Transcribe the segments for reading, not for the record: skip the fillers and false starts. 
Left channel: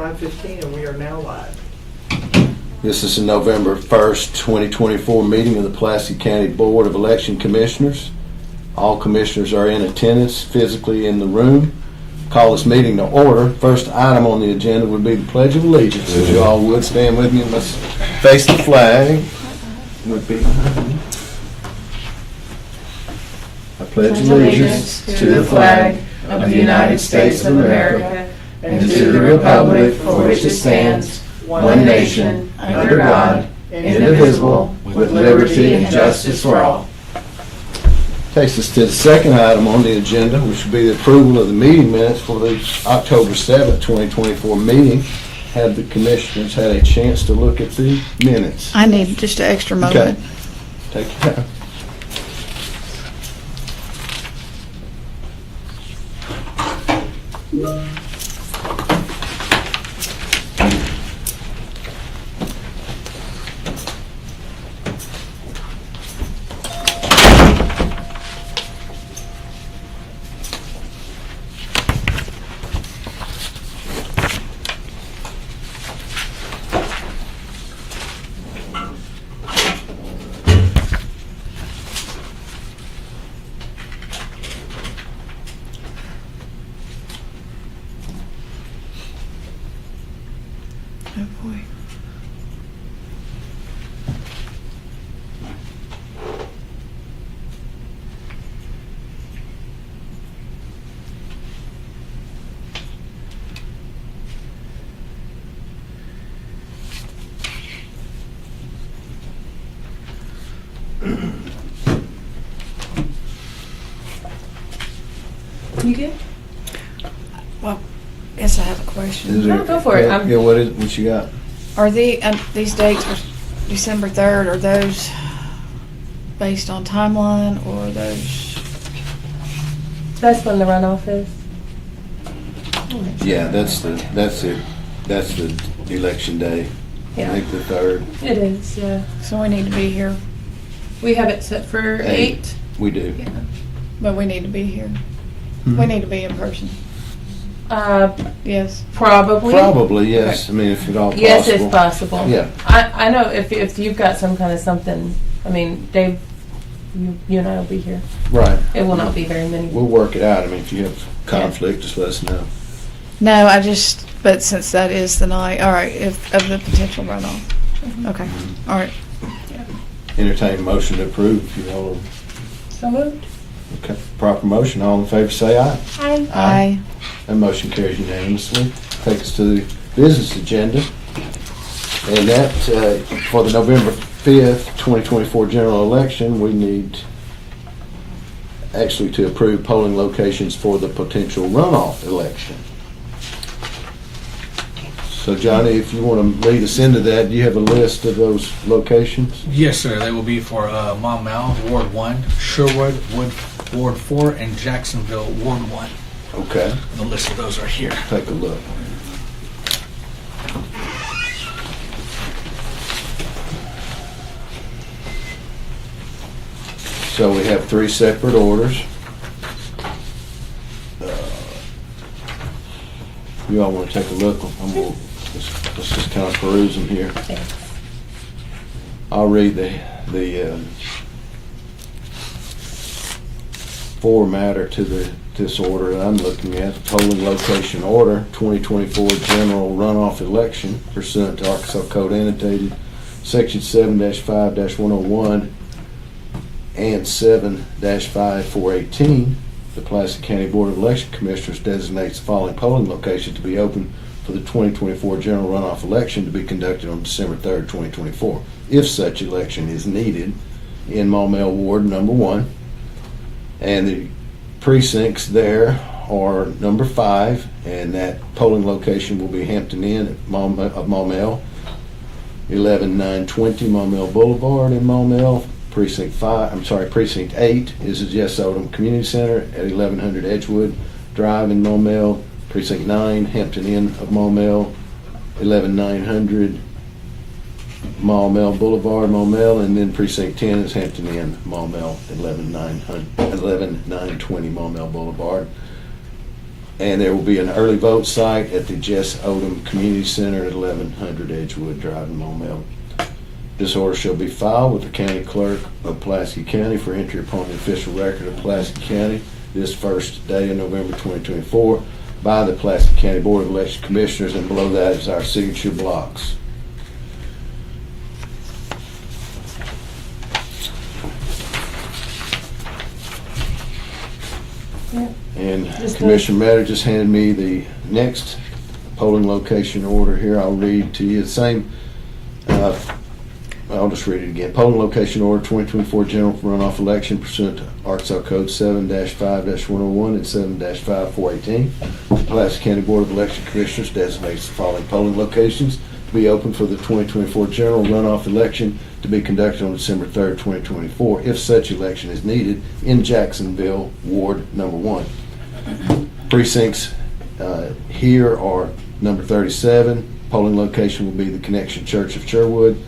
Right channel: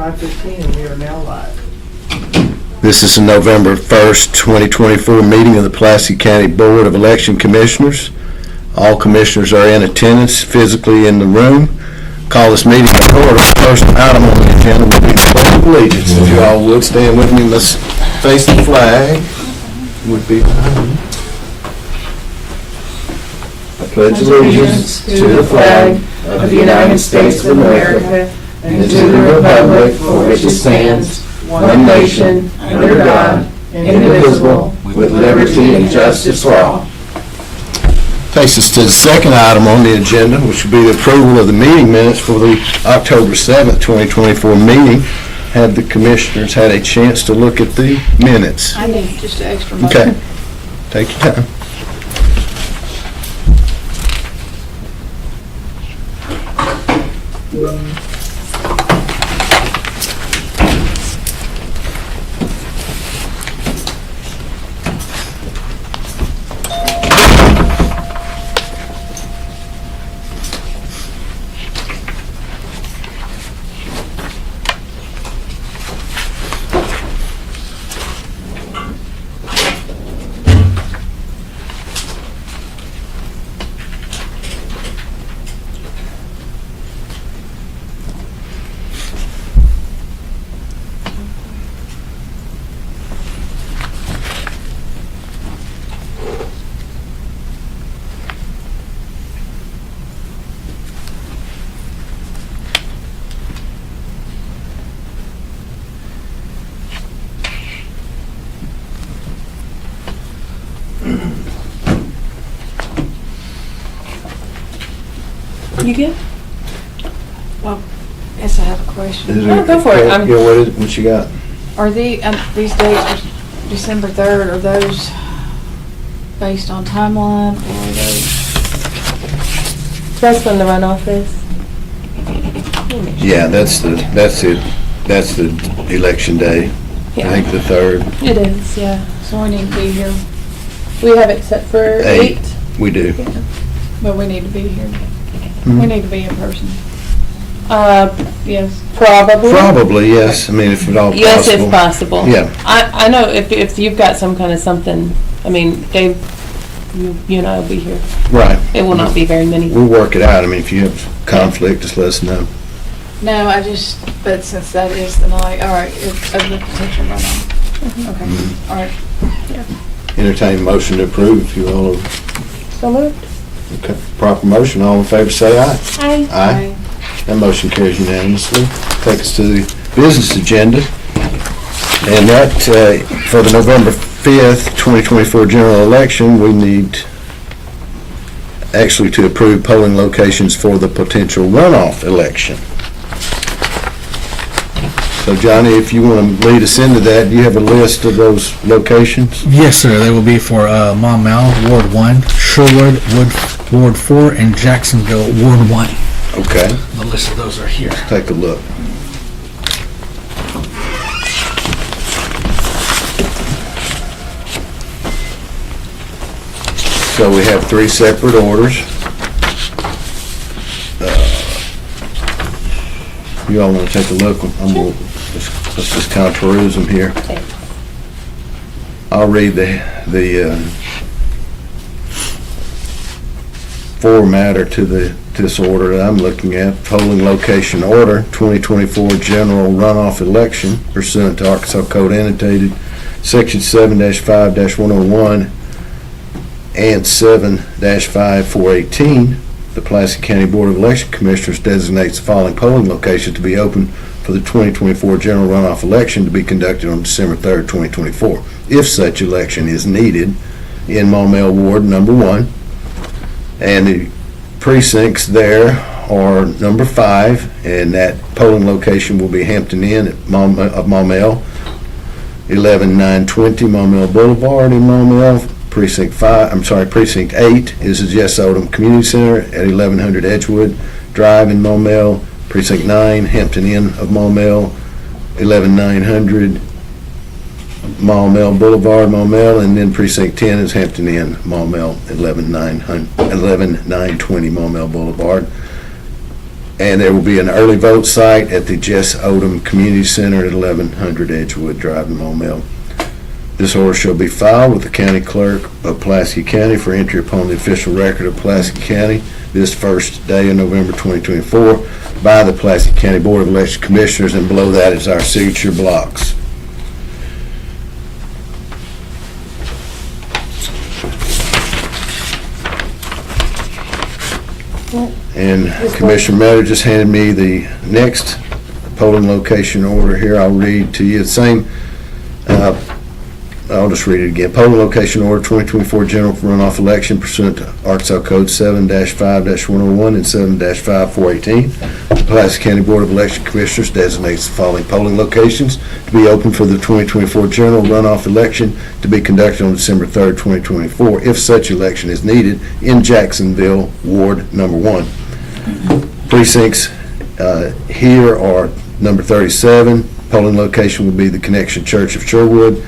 5:15, and we are now live. This is the November 1st, 2024 meeting of the Pulaski County Board of Election Commissioners. All commissioners are in attendance physically in the room. Call this meeting to order. First item on the agenda will be the Pledge of Allegiance. If you all would stand with me, let's face the flag. Would be I pledge allegiance to the flag of the United States of America and to the republic for which it stands, one nation, under God, indivisible, with liberty and justice for all. Takes us to the second item on the agenda, which will be the approval of the meeting minutes for the October 7th, 2024 meeting. Have the commissioners had a chance to look at the minutes? I need just an extra moment. Okay. Take your time. You good? Well, yes, I have a question. Go for it. Yeah, what you got? Are these dates are December 3rd, are those based on timeline or are those? That's when the runoff is. Yeah, that's the election day. I Yeah, think the 3rd. it is, yeah. So we need to be here, We have it set for 8. We do. Yeah. but we need to be here. Mhm. We need to be in person. Yes. Probably. Probably, yes. I mean, if at all possible. Yes, if possible. Yeah. I know if you've got some kind of something, I mean, Dave, you and I will be here. Right. It will not be very many. We'll work it out. I mean, if you have conflict, just let us know. No, but since that is the night, all right, of the potential runoff. Okay, all right. Entertain a motion to approve, if you will. So moved. Okay. Proper motion. All in favor, say aye. Hi. Aye. That motion carries unanimously. Take us to the business agenda. And that, for the November 5th, 2024 general election, we need actually to approve polling locations for the potential runoff election. So Johnny, if you want to lead us into that, do you have a list of those locations? Yes, sir. They will be for Maumelle, Ward 1, Sherwood, Ward 4, and Jacksonville, Ward 1. Okay, The list of those are here. take a look. So we have 3 separate orders. You all want to take a look? Let's just kind of peruse them here. I'll read the formatter to this order that I'm looking at. Polling location order, 2024 general runoff election pursuant to Arkansas Code annotated Section 7-5-101 and 7-5418. The Pulaski County Board of Election Commissioners designates the following polling location to be open for the 2024 general runoff election to be conducted on December 3rd, 2024, if such election is needed in Maumelle Ward number 1. And the precincts there are number 5, and that polling location will be Hampton Inn of Maumelle, 11920 Maumelle Boulevard in Maumelle. Precinct 8 is the Jess Odom Community Center at 1100 Edgewood Drive in Maumelle. Precinct 9, Hampton Inn of Maumelle, 11900 Maumelle Boulevard, Maumelle, and then Precinct 10 is Hampton Inn, Maumelle, 11920 Maumelle Boulevard. And there will be an early vote site at the Jess Odom Community Center at 1100 Edgewood Drive in Maumelle. This order shall be filed with the county clerk of Pulaski County for entry upon the official record of Pulaski County this first day of November 2024 by the Pulaski County Board of Election Commissioners, and below that is our signature blocks. And Commissioner Meadow just handed me the next polling location order here. I'll read to you the same. I'll just read it again. Polling location order 2024 general runoff election pursuant to Arkansas Code 7-5-101 and 7-5418. The Pulaski County Board of Election Commissioners designates the following polling locations to be open for the 2024 general runoff election to be conducted on December 3rd, 2024, if such election is needed in Jacksonville, Ward Number 1. Precincts here are number 37. Polling location will be the Connection Church of Sherwood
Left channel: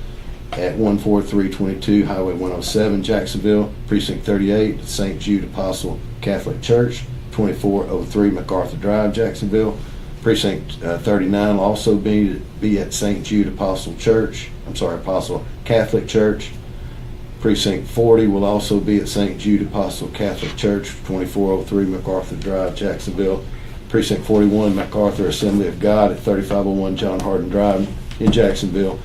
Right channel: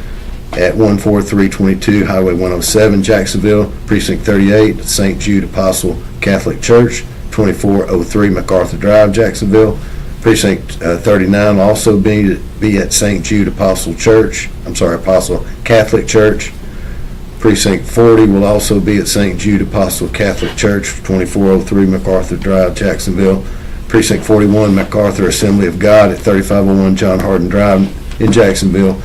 at 14322 Highway 107, Jacksonville. Precinct 38, St. Jude Apostle Catholic Church, 2403 MacArthur Drive, Jacksonville. Precinct 39 will also be at St. Jude Apostle Catholic Church. Precinct 40 will also be at St. Jude Apostle Catholic Church, 2403 MacArthur Drive, Jacksonville. Precinct 41, MacArthur Assembly of God at 3501 John Hardin Drive in Jacksonville.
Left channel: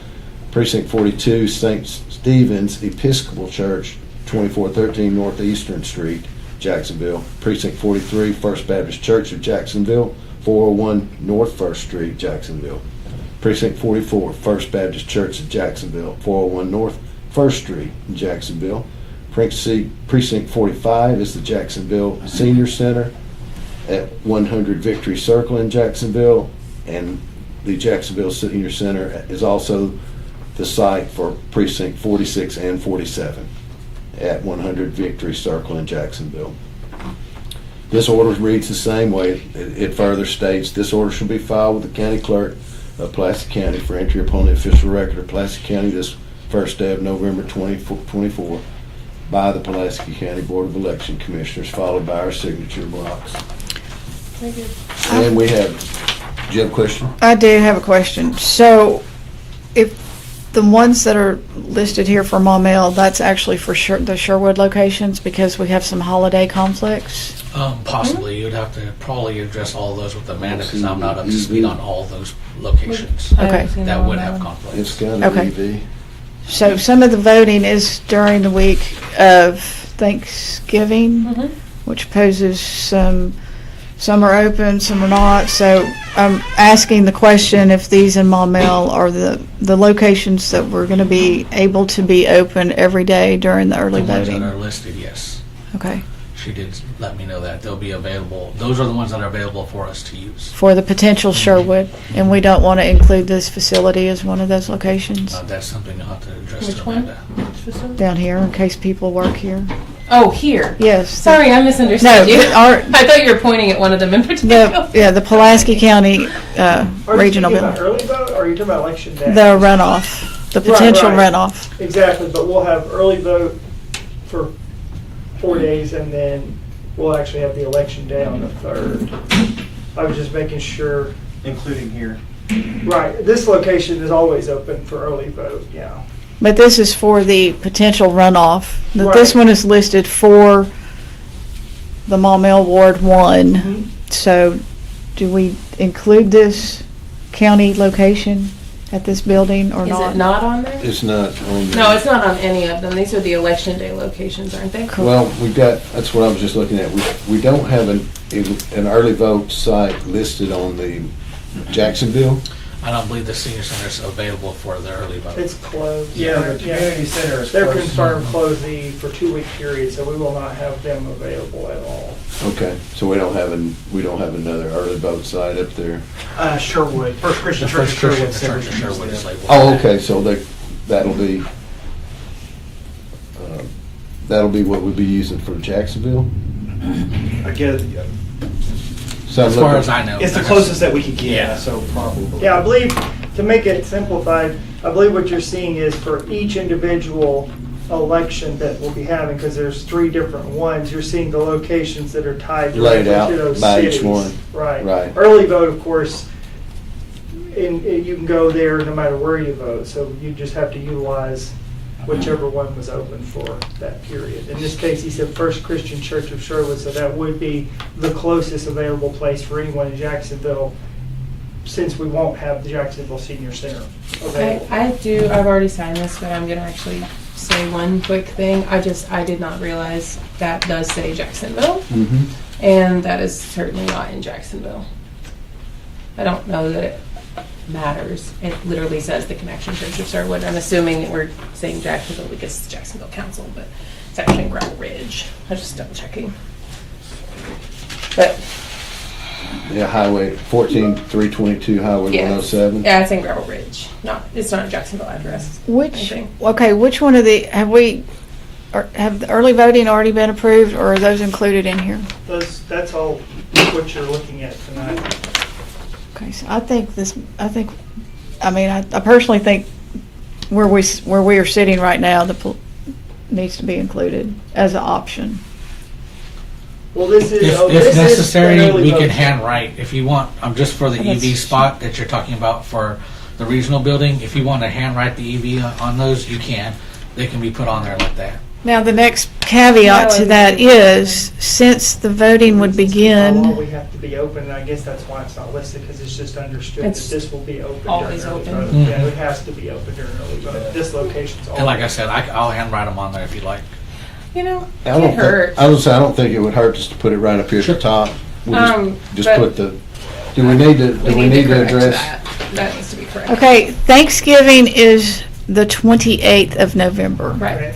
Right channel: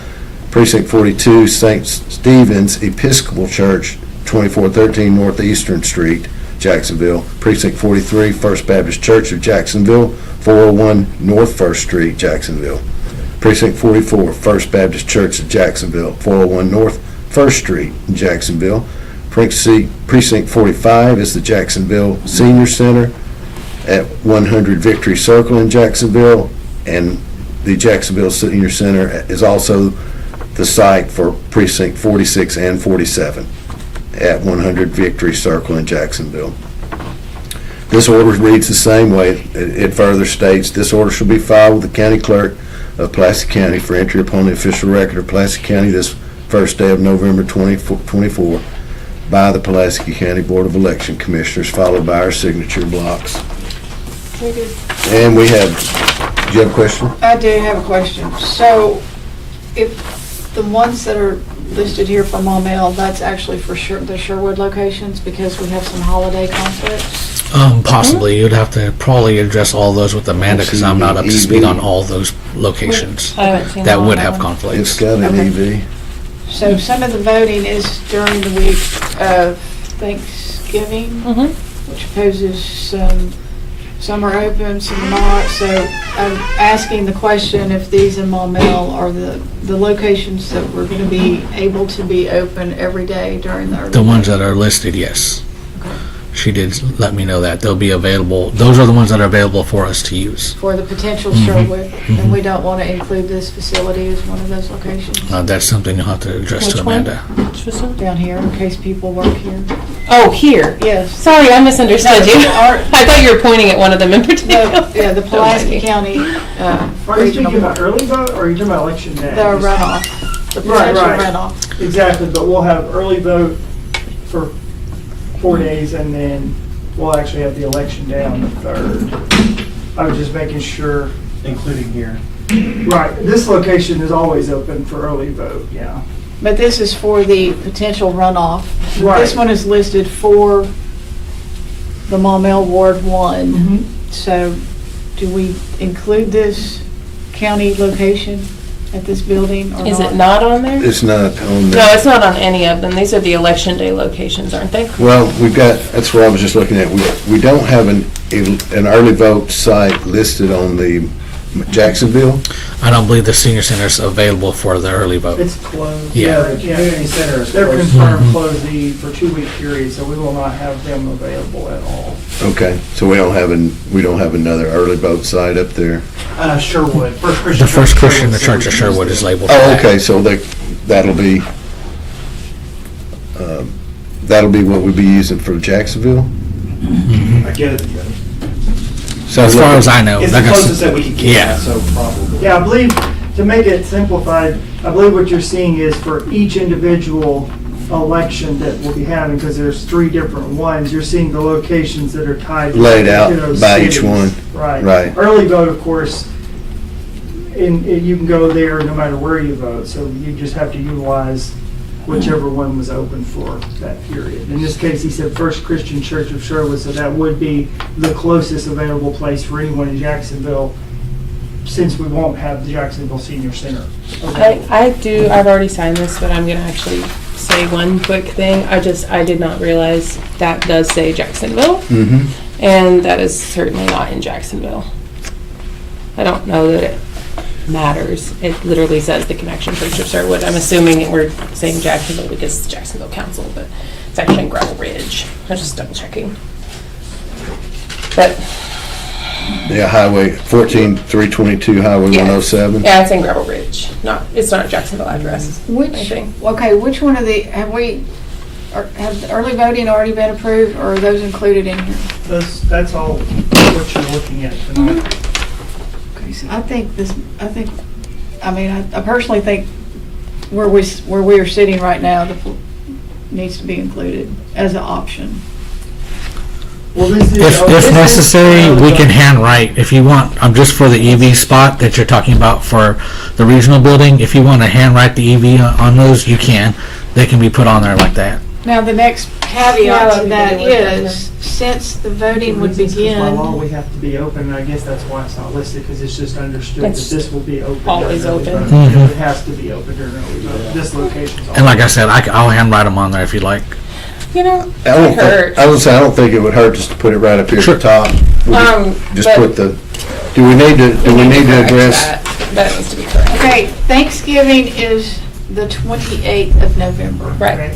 Precinct 42, St. Stephen's Episcopal Church, 2413 Northeastern Street, Jacksonville. Precinct 43, First Baptist Church of Jacksonville, 401 North First Street, Jacksonville. Precinct 44, First Baptist Church of Jacksonville, 401 North First Street in Jacksonville. Precinct 45 is the Jacksonville Senior Center at 100 Victory Circle in Jacksonville, and the Jacksonville Senior Center is also the site for Precinct 46 and 47 at 100 Victory Circle in Jacksonville. This order reads the same way. It further states, this order shall be filed with the county clerk of Pulaski County for entry upon the official record of Pulaski County this first day of November 2024 by the Pulaski County Board of Election Commissioners, followed by our signature blocks. Very good. And we have, do you have a question? I do have a question. So if the ones that are listed here for Maumelle, that's actually for the Sherwood locations because we have some holiday conflicts? Possibly. You'd have to probably address all those with Amanda because I'm not up to speed on all those locations I haven't seen that all would that have one. conflicts. It's got an Okay. EV. So some of the voting is during the week of Thanksgiving, Mhm. which poses some are open, some are not. So I'm asking the question if these in Maumelle are the locations that we're going to be able to be open every day during the early The ones voting. that are listed, yes. Okay. She did let me know that. They'll be available. Those are the ones that are available for us to use. For the potential Sherwood, and we don't want to include this facility as one of those locations That's something you'll have to address Which to one? Amanda. Which facility? down here in case people work here. Oh, here. Yes. Sorry, I misunderstood No, you. our- I thought you were pointing at one of them in particular. The Pulaski County Are you Regional, talking about early vote, or are you talking about election day? the runoff, the Right, potential right. runoff. Exactly, but we'll have early vote for 4 days, and then we'll actually have the election day on the 3rd. I was just making sure. Including here. Right, this location is always open for early vote, yeah. But this is for the potential runoff. But this Right. one is listed for the Maumelle Ward 1. So do we include this county location at this building or not? Is it not on there? It's not on there. No, it's not on any of them. These are the election day locations, aren't they? Well, we've got, that's what I was just looking at. We don't have an early vote site listed on the Jacksonville. I don't believe the senior center is available for the early vote. It's closed. Yeah. The community center is They're closed. confirmed closed for 2-week period, so we will not have them available at all. Okay, so we don't have another early vote site up there. Sherwood, First Christian The Church. First Christian the Sherwood, Church of Sherwood is labeled. Oh, okay, so that'll be, what we'd be using for Jacksonville? I get it. As far as I know. It's they're the gonna- closest that we can get, Yeah. so probably. Yeah, I believe, to make it simplified, I believe what you're seeing is for each individual election that we'll be having, because there's 3 different ones, you're seeing the locations that are tied Laid out to those by each cities. one. Right. Right. Early vote, of course, you can go there no matter where you vote, so you just have to utilize whichever one was open for that period. In this case, he said First Christian Church of Sherwood, so that would be the closest available place for anyone in Jacksonville, since we won't have the Jacksonville Senior Center available. I've already signed this, but I'm gonna actually say one quick thing. I did not realize that does say Jacksonville, Mm-hmm. and that is certainly not in Jacksonville. I don't know that it matters. It literally says the Connection Church of Sherwood. I'm assuming that we're saying Jacksonville because it's Jacksonville Council, but it's actually in Gravel Ridge. I'm just double checking. But Yeah, Highway 14322, Highway Yeah. 107. yeah, it's in Gravel Ridge. It's not a Jacksonville address. Which, Okay. okay, which one of the, have the early voting already been approved, or are those included in here? That's all what you're looking at tonight. Okay, so I mean, I personally think where we are sitting right now, needs to be included as an option. Well, this is. If necessary, we can handwrite, if you want, just for the EV spot that you're talking about for the regional building, if you want to handwrite the EV on those, you can. They can be put on there like that. Now, the next caveat to that is, since the voting would By law, begin, we have to be open, and I guess that's why it's not listed, because it's just understood that It's this will be open. during always early open. voting. Mhm. Yeah, it has to be open during early voting. This location's. And like I said, I'll handwrite them on there if you like. You know, I it don't hurt. think, I would say, I don't think it would hurt just to put it right up here at Sure. the top. We'll Just but put the, do we need to correct address? That needs to be correct. okay, Thanksgiving is the 28th of November. Right.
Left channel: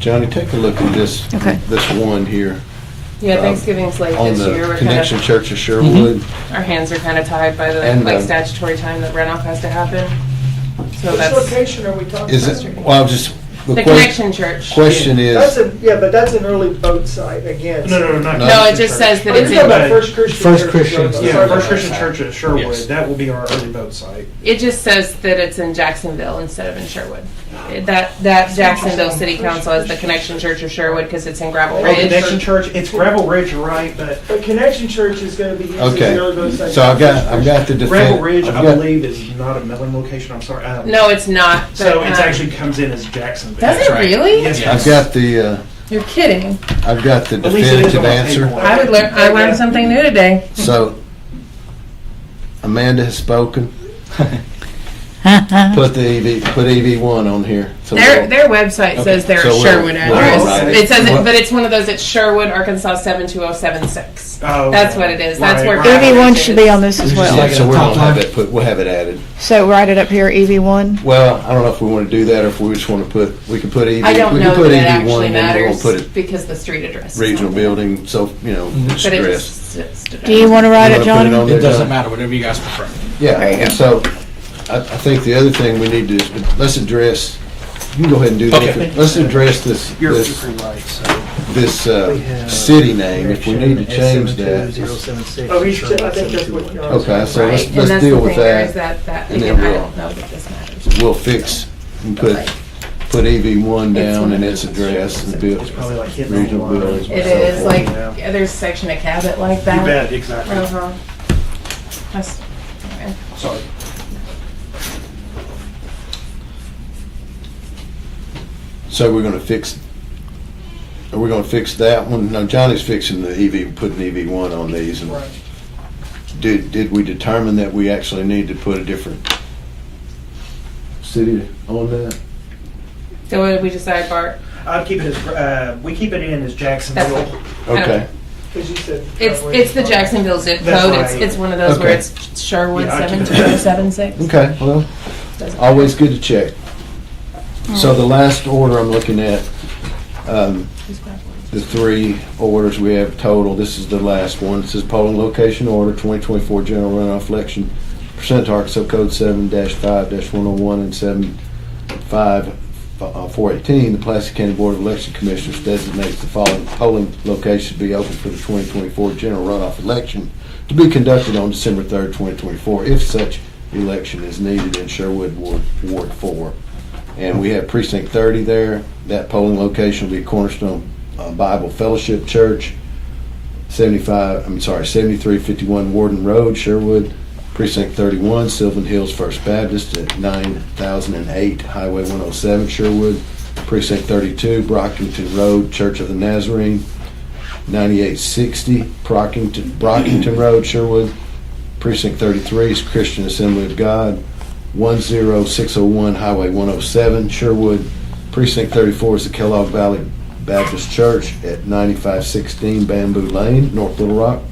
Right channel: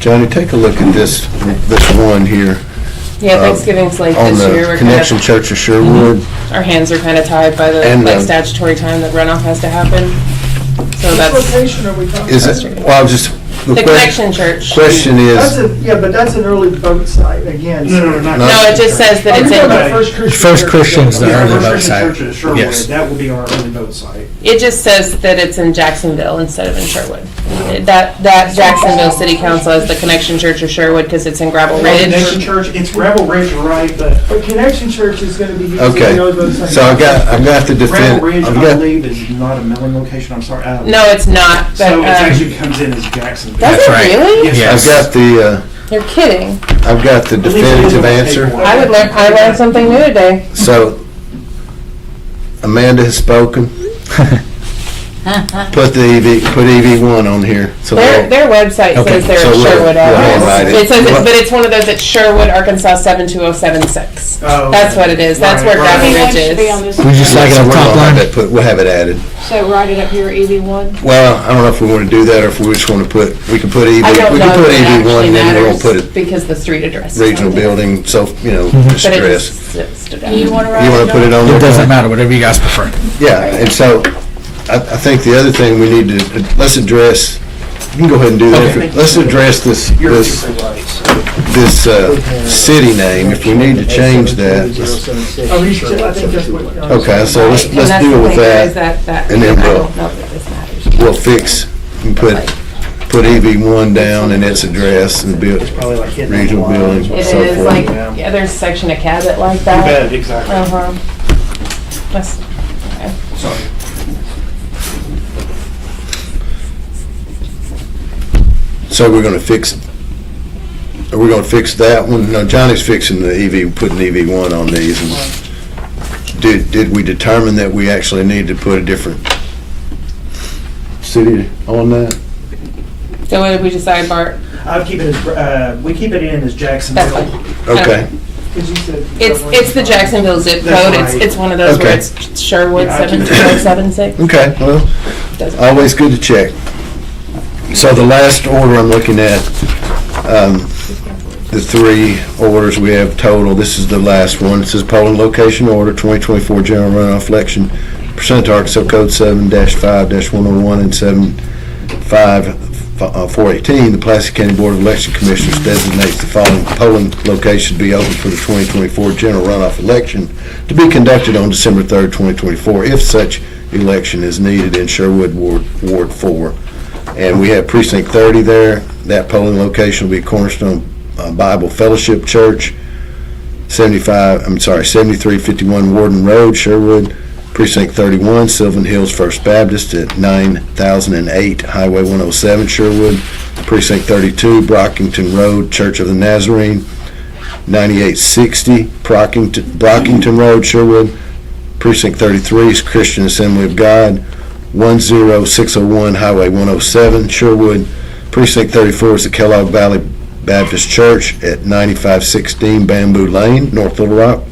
Johnny, take a look at this, Okay. this one here. Yeah, Thanksgiving's late On this year. the We're Connection kind Church of Sherwood. of, our hands are kind of tied by the And, statutory time that runoff has to happen. So Which that's location are we talking Is about? it, well, I was just, the Connection Church. question That's is, yeah, but that's an early vote site, again. No, not. No, No, it just says that Oh, you're it's talking about in, First Christian. First Church. Christian's the Yeah, early First vote Christian site. Church at Sherwood, Yes. that will be our early vote site. it just says that it's in Jacksonville instead of in Sherwood. That Jacksonville City Council is the Connection Church of Sherwood because it's in Gravel Oh, Ridge. Connection Church, it's Gravel Ridge, right, but But Connection Church is gonna be using okay, the early vote site. so I've got the Gravel Ridge, defend, I I've got, believe, is not a milling location, I'm sorry. No, it's not. But, So it actually comes in as Jacksonville. does That's it right. really? Yes. I've got You're kidding. I've got the At least it is definitive on the answer. paperwork. I learned something new today. So, Amanda has spoken. Put the put EV1 on here. So Their website Okay, says they're so a we'll- Sherwood we'll address. write it. It says it, but it's one of those at Sherwood, Arkansas 72076. Oh, That's okay. what it is. That's Right, where right. Gravel EV1 Ridge should be on is. this We just as so like well. it up we'll top have line. that we'll have it added. So write it up here, EV1. Well, I don't know if we want to do that or if we just want to put, we can put EV, I don't we know can if put it EV1 actually and then we'll matters put it because the street address is regional on there. building, so, But it stress. just stood out. Do you want to You write wanna it, put it John? on there? It doesn't matter, whatever you guys prefer. Yeah, and so, I think the other thing we need to, let's address, you can go ahead and do that. Okay. Let's address this You're super right, so. city name, if we need to change that. Oh, I think that's what. Okay, so Right, and let's that's deal the with thing there is that, that and then I we'll- don't know that this matters. we'll fix, and put EV1 down and its address and build, It's probably like hitting regional on buildings. lines. It so is forth. like, yeah, there's a section of Cabot like You that. bet, exactly. Uh-huh. That's, Sorry. So we're gonna fix, are we gonna fix that one? No, Johnny's fixing the putting EV1 on these. And Did we determine that we actually need to put a different city on that? so what did we decide, Bart? I'll keep it as, we keep it in as Jacksonville. Okay, Because you said. It's the Jacksonville zip That's code. right. It's one of those where Okay. it's Sherwood Yeah, I'll keep it. 72076. okay, well, Doesn't- always good to check. So the last order I'm looking at, the 3 orders we have total, this is the last one. It says polling location order, 2024 general runoff election, pursuant to Arkansas Code 7-5-101 and 7-5-418, the Pulaski County Board of Election Commissioners designates the following polling location to be open for the 2024 general runoff election to be conducted on December 3rd, 2024, if such election is needed in Sherwood Ward 4. And we have precinct 30 there. That polling location will be Cornerstone Bible Fellowship Church, 7351 Warden Road, Sherwood. Precinct 31, Sylvan Hills First Baptist at 9008 Highway 107, Sherwood. Precinct 32, Brockington Road, Church of the Nazarene, 9860 Brockington Road, Sherwood. Precinct 33 is Christian Assembly of God, 10601 Highway 107, Sherwood. Precinct 34 is the Kellogg Valley Baptist Church at 9516 Bamboo Lane, North Little Rock.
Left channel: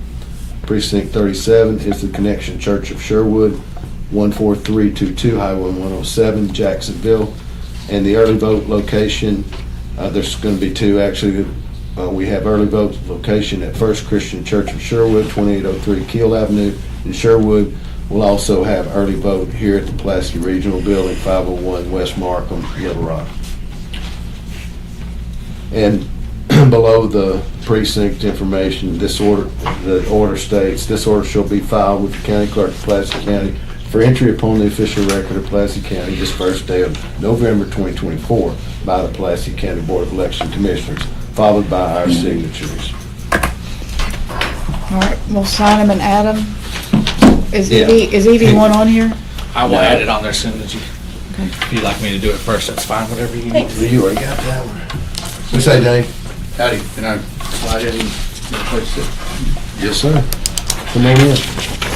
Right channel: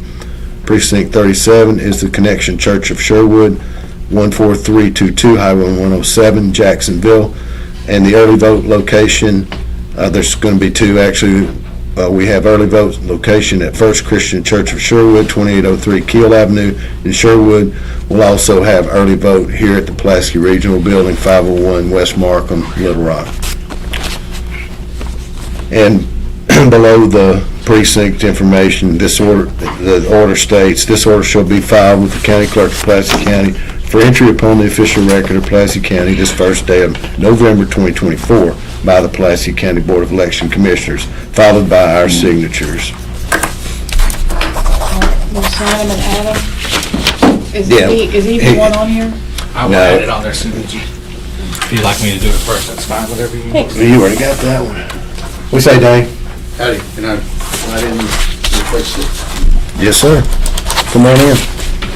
Precinct 37 is the Connection Church of Sherwood, 14322 Highway 107, Jacksonville. And the early vote location, there's going to be two actually. We have early vote location at First Christian Church of Sherwood, 2803 Keel Avenue in Sherwood. We'll also have early vote here at the Pulaski Regional Building, 501 West Markham, Little Rock. And below the precinct information, the order states, this order shall be filed with the county clerk of Pulaski County for entry upon the official record of Pulaski County this first day of November 2024 by the Pulaski County Board of Election Commissioners, followed by our signatures. All right, we'll sign them and add them. Is Yeah. either one on here? I will add it on there as soon as you, if you'd like me to do it first, that's fine, whatever you want. Thanks. You already got that one. What's that, Dave? Howdy, can I slide in the place? Yes, sir. Come on in.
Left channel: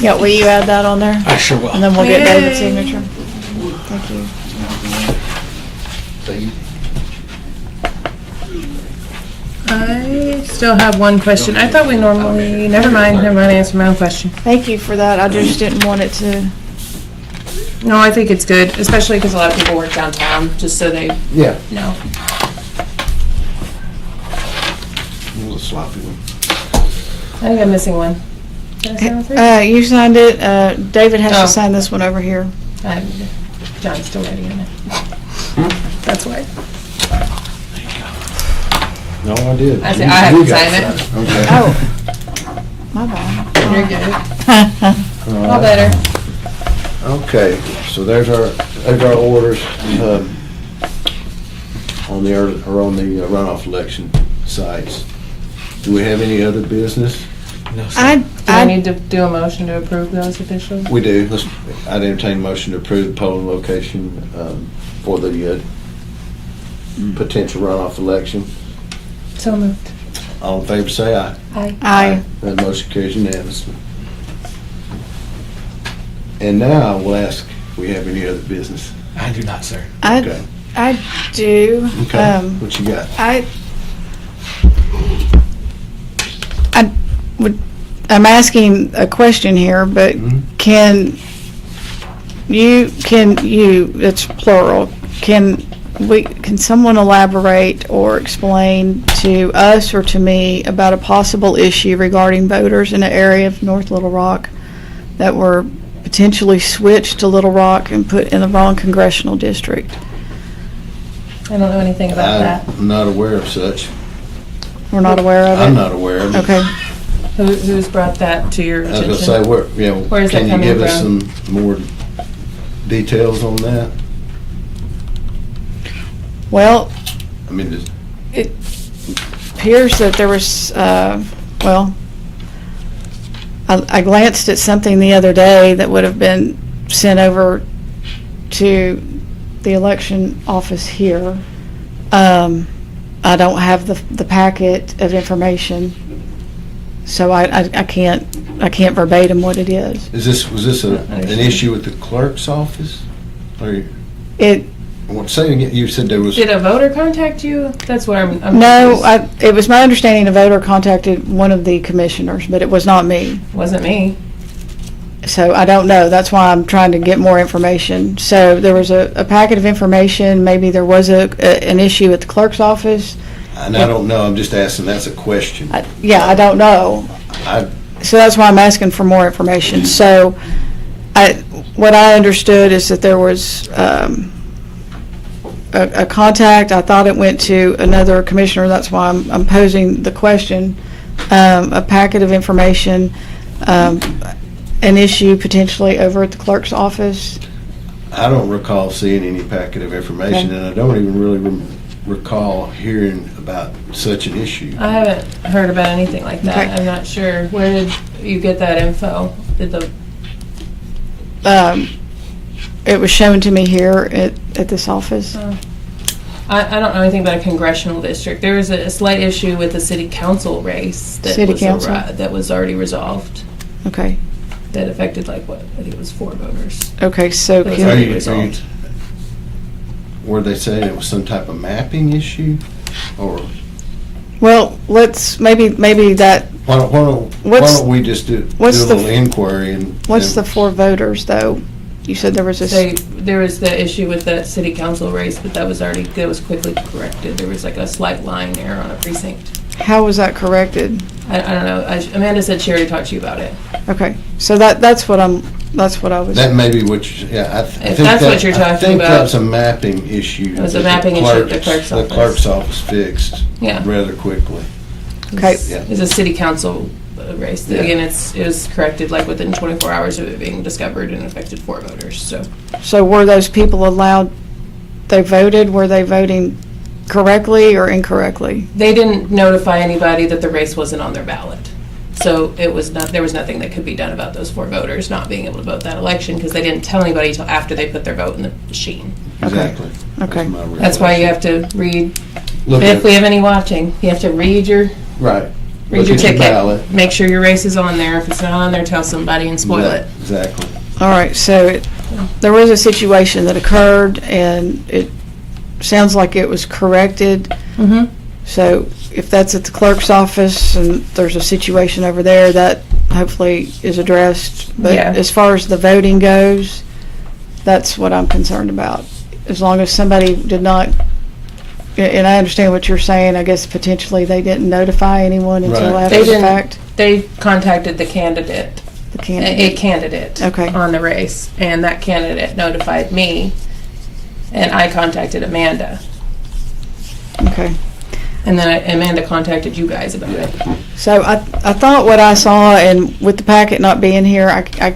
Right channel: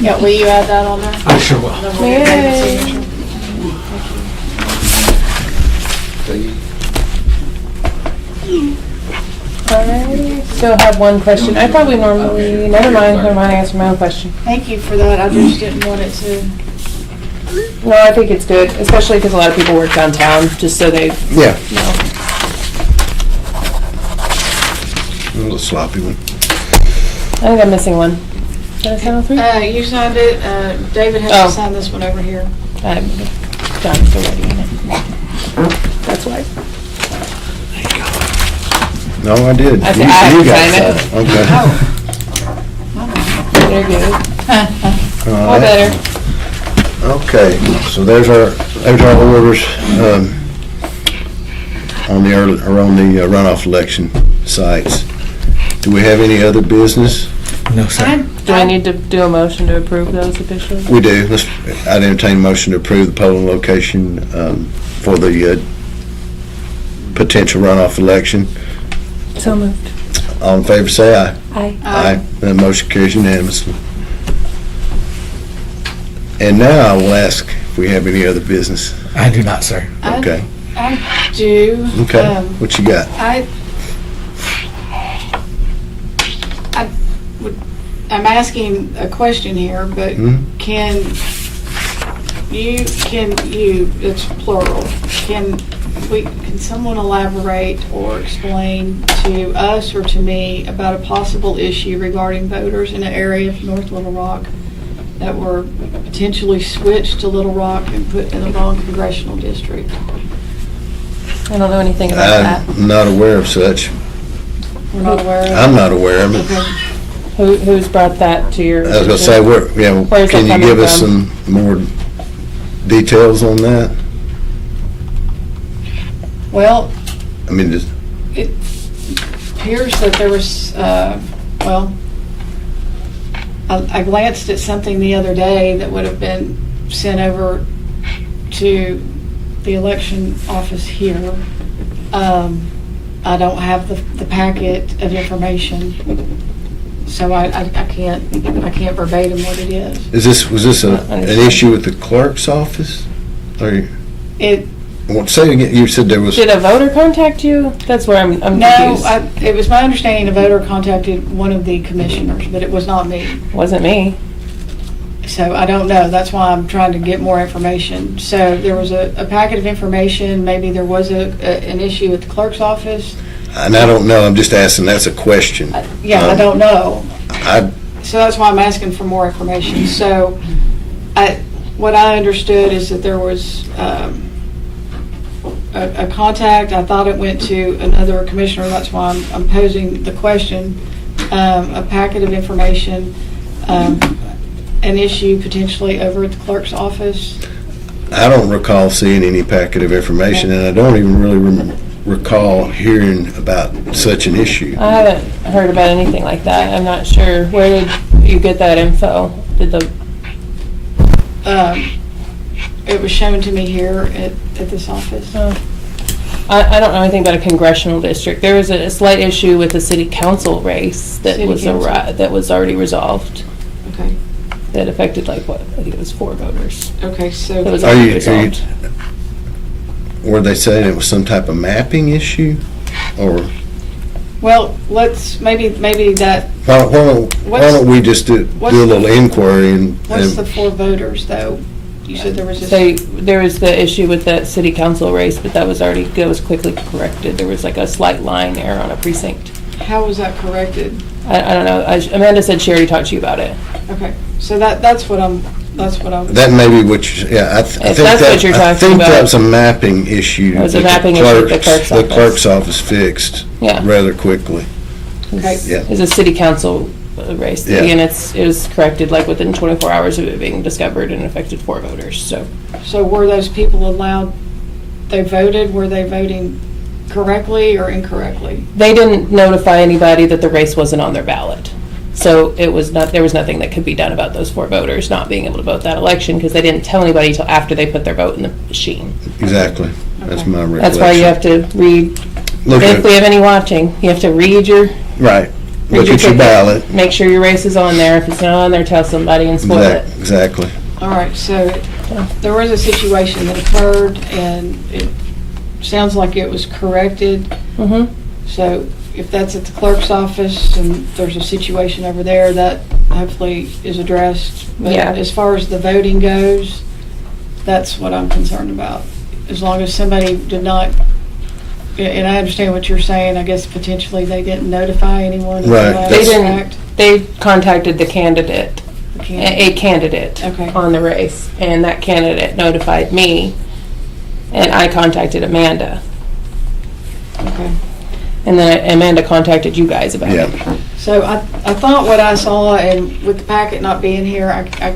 Yeah, will you add that on there? I sure will. And then we'll get David's Yay. signature. Thank you. Thank you. I still have one question. I thought we normally, never mind, I answered my own question. Thank you for that. I just didn't want it to, No, I think it's good, especially because a lot of people work downtown, just so they, Yeah, you know. a little sloppy one. I think I'm missing one. Did I sign all three? you signed it. David has Oh. to sign this one over here. John's still writing it. That's why. No, I did. I You- have you to got sign it. signed. Okay. My bad. You're good. All All right. better. Okay, so there's our orders on the runoff election sites. Do we have any other business? No, sir. Do I need to do a motion to approve those officially? We do. I'd entertain a motion to approve the polling location for the potential runoff election. So moved. All in favor, say aye. Aye. That motion carries unanimously. And now we'll ask if we have any other business. I do not, sir. Okay. I do. Okay. What you got? I'm asking a question here, but Mhm. can you, it's plural, can someone elaborate or explain to us or to me about a possible issue regarding voters in an area of North Little Rock that were potentially switched to Little Rock and put in the wrong congressional district? I don't know anything about that. I'm not aware of such. We're not aware of it? I'm not aware of it. Okay. Who's brought that to your I was attention? gonna say, Where is can that you give coming us from? some more details on that? Well, I mean, just, it appears that there was, I glanced at something the other day that would have been sent over to the election office here. I don't have the packet of information, so I can't verbatim what it is. was this an issue with the clerk's office? Or It, say again, you said there was, Did a voter contact you? That's where I'm no, confused. it was my understanding a voter contacted one of the commissioners, but it was not me. Wasn't me. So I don't know. That's why I'm trying to get more information. So there was a packet of information. Maybe there was an issue at the clerk's office. and I don't know, I'm just asking, that's a question. I don't know. I, So that's why I'm asking for more information. So what I understood is that there was a contact. I thought it went to another commissioner. That's why I'm posing the question. A packet of information, an issue potentially over at the clerk's office. I don't recall seeing any packet of information, and I don't even really recall hearing about such an issue. I haven't heard about anything like that. Okay. I'm not sure. Where did you get that info? Did the, It was shown to me here at this office. I don't know anything about a congressional district. There was a slight issue with the city council race that City was council? that was already resolved. Okay, That affected like what? I think it was 4 voters. okay, so That was Are already you- resolved. Were they saying it was some type of mapping issue? Or well, let's, maybe that, why don't we just do a what's the- little inquiry and... what's the 4 voters, though? You said there was So this, there was the issue with the city council race, but that was quickly corrected. There was like a slight line error on a precinct. how was that corrected? I don't know. Amanda said she already talked to you about it. Okay, so that's what I was. That may be what you, yeah, I think If that's what you're I talking think about. that was a mapping issue. It was a that the mapping issue at the clerk's The office. clerk's office fixed Yeah. rather quickly. Okay. Yeah. It was a city council race. Yeah. And it was corrected like within 24 hours of it being discovered and affected 4 voters, so. So were those people allowed, they voted, were they voting correctly or incorrectly? They didn't notify anybody that the race wasn't on their ballot. So there was nothing that could be done about those 4 voters not being able to vote that election because they didn't tell anybody until after they put their vote in the machine. Exactly. That's Okay. my recollection. That's why you have to read, Look if we at, have any watching, you have to read your right. read Look your at your ticket, ballot. make sure your race is on there. If it's not on there, tell somebody and spoil it. Exactly. All right, so there was a situation that occurred and it sounds like it was corrected. Mm-hmm. So if that's at the clerk's office and there's a situation over there, that hopefully is addressed. But Yeah. as far as the voting goes, that's what I'm concerned about. As long as somebody did not, and I understand what you're saying, I guess potentially they didn't notify anyone until Right. after They the didn't. fact. They contacted the candidate, The candidate. a candidate Okay. on the race, and that candidate notified me, and I contacted Amanda. Okay. And then Amanda contacted you guys about it. Yeah. So I thought what I saw, and with the packet not being here, I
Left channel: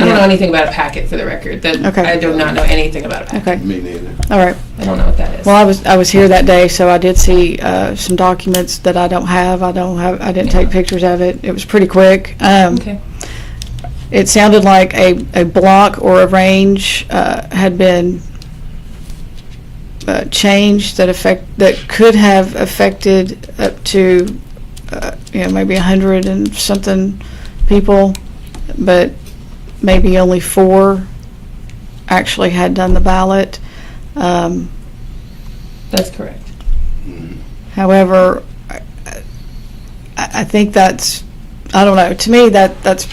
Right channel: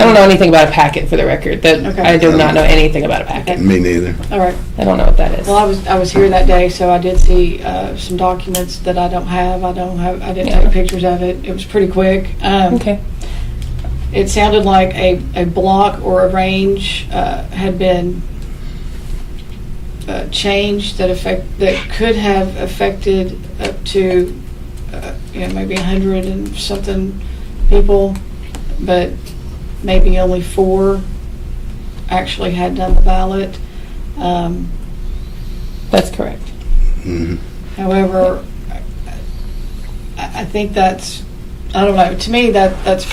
don't know anything about a packet, for the record. That Okay. I do not know anything about a packet. Okay. Me neither. all right. I don't know what that is. Well, I was here that day, so I did see some documents that I don't have. I didn't take Yeah. pictures of it. It was pretty quick. Okay. It sounded like a block or a range had been changed that could have affected up to maybe 100 and something people, but maybe only 4 actually had done the ballot. That's correct. Mhm. However, I think that's, I don't know, to me that's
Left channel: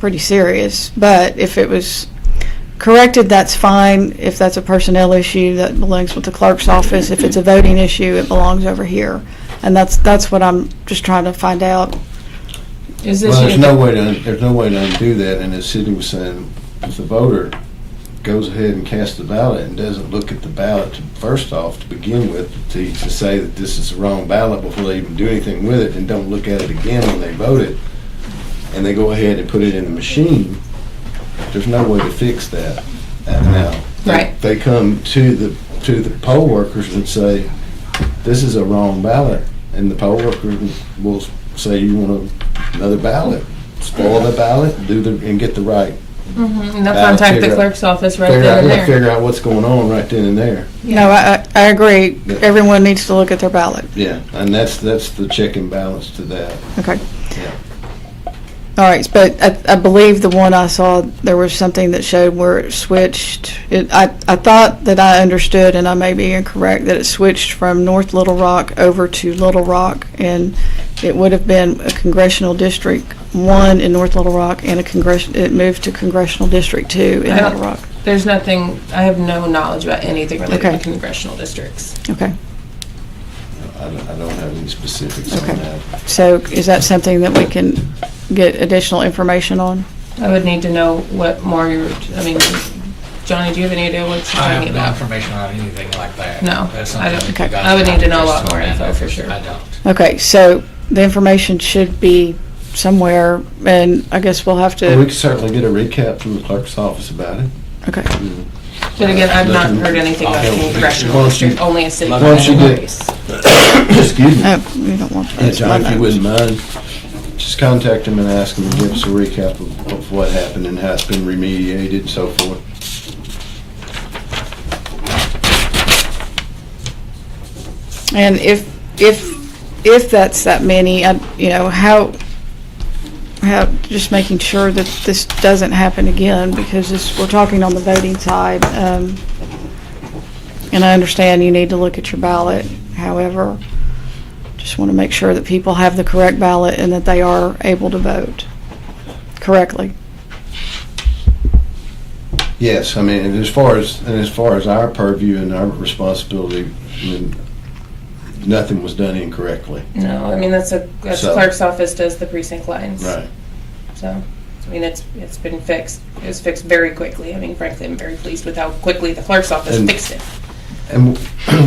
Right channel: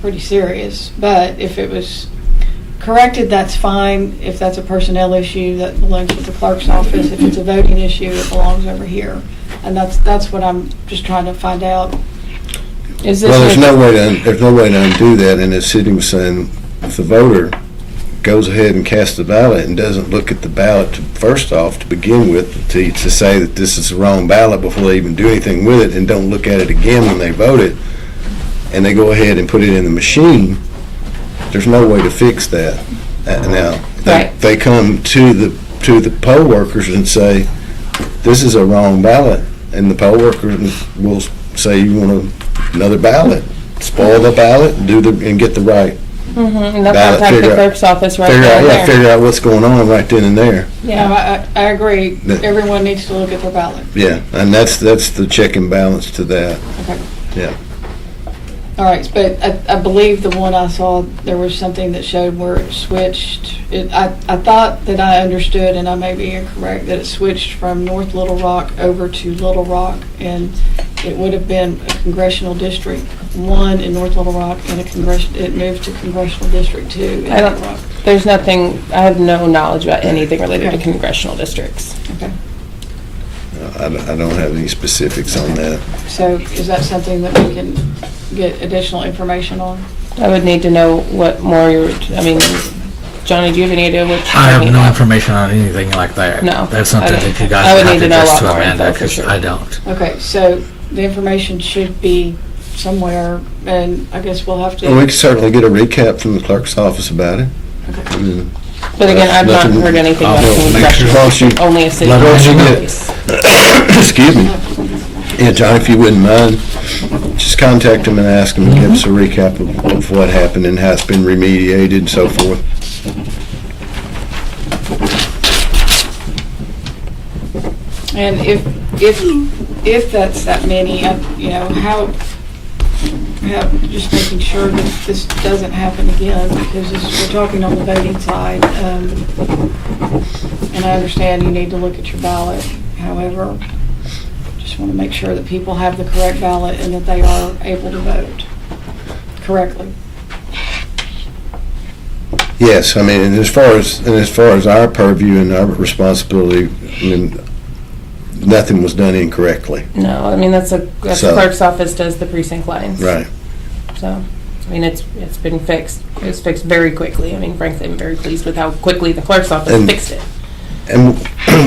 pretty serious. But if it was corrected, that's fine. If that's a personnel issue, that belongs with the clerk's office. If it's a voting issue, it belongs over here. And that's what I'm just trying to find out. Is this Well, there's your- no way to undo that, and as Sidney was saying, if the voter goes ahead and casts the ballot and doesn't look at the ballot first off to begin with, to say that this is the wrong ballot before they even do anything with it, and don't look at it again when they vote it, and they go ahead and put it in the machine, there's no way to fix that. Now, Right. they come to the poll workers and say, this is a wrong ballot, and the poll workers will say, you want another ballot, spoil the ballot, and get the right. Mhm. And they'll Ballot, contact the figure out- clerk's office right Figure there out, and yeah, there. figure out what's going on right then and there. No, I agree. Yeah. Everyone needs to look at their ballot. Yeah, and that's the check and balance to that, Okay. yeah. All right, but I believe the one I saw, there was something that showed where it switched. I thought that I understood, and I may be incorrect, that it switched from North Little Rock over to Little Rock, and it would have been a congressional district 1 in North Little Rock, and it moved to congressional district 2 in I don't- Little Rock. There's nothing, I have no knowledge about anything related Okay. to congressional districts. Okay, I don't have any specifics on that. so is that something that we can get additional information on? I would need to know what more Johnny, do you have any idea what? I have no information on anything like that. No, That's something I don't- that you guys I would have need to to know a address lot to more Amanda, info for 'cause sure. I don't. Okay, so the information should be somewhere, and I guess we'll have Well, we to, can certainly get a recap from the clerk's office about it. Okay. But again, I've not heard anything about I'll any make sure. restrooms, only a city Let them know. notice. Excuse me. No, we don't want to. Yeah, John, if you wouldn't mind, just contact them and ask them to give us a recap of what happened and how it's been remediated and so forth. And if that's that many, you know, how, just making sure that this doesn't happen again, because we're talking on the voting side. And I understand you need to look at your ballot. However, just want to make sure that people have the correct ballot and that they are able to vote correctly. Yes, I mean, and as far as our purview and our responsibility, I mean, nothing was done incorrectly. No, I mean, that's the So- clerk's office does the precinct lines. Right. So, I mean, it's been fixed. It was fixed very quickly. I mean, frankly, I'm very pleased with how quickly the clerk's office And- fixed it. And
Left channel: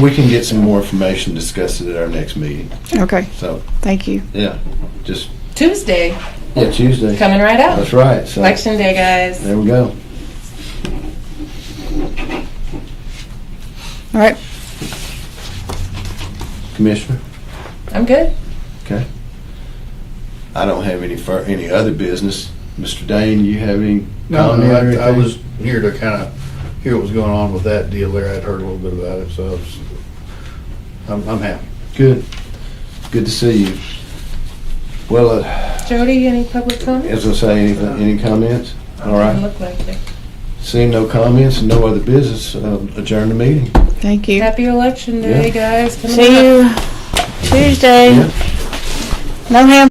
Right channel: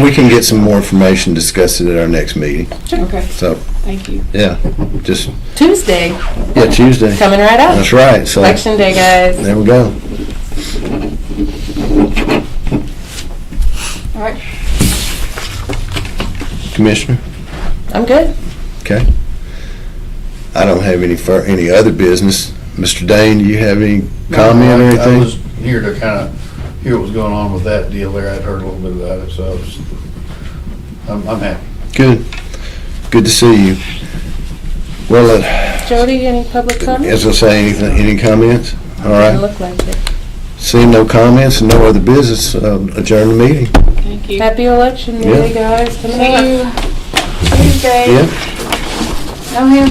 we can get some more information, discuss it at our next meeting. Okay, So, thank you. yeah, just, Tuesday, yeah, Tuesday. coming right up. That's right, so, Election day, guys. there we go. All right, Commissioner? I'm good. Okay. I don't have any other business. Mr. Dane, do you have any comment or I anything? was here to kind of hear what was going on with that deal there. I'd heard a little bit about it, so I'm happy. Good. Good to see you. Well, Jody, any public comments? as I say, any comments? All Doesn't right. look like it. Seeing no comments and no other business, adjourn the meeting. thank you. Happy election day, guys. Coming See up. you Tuesday. Yeah. No ham.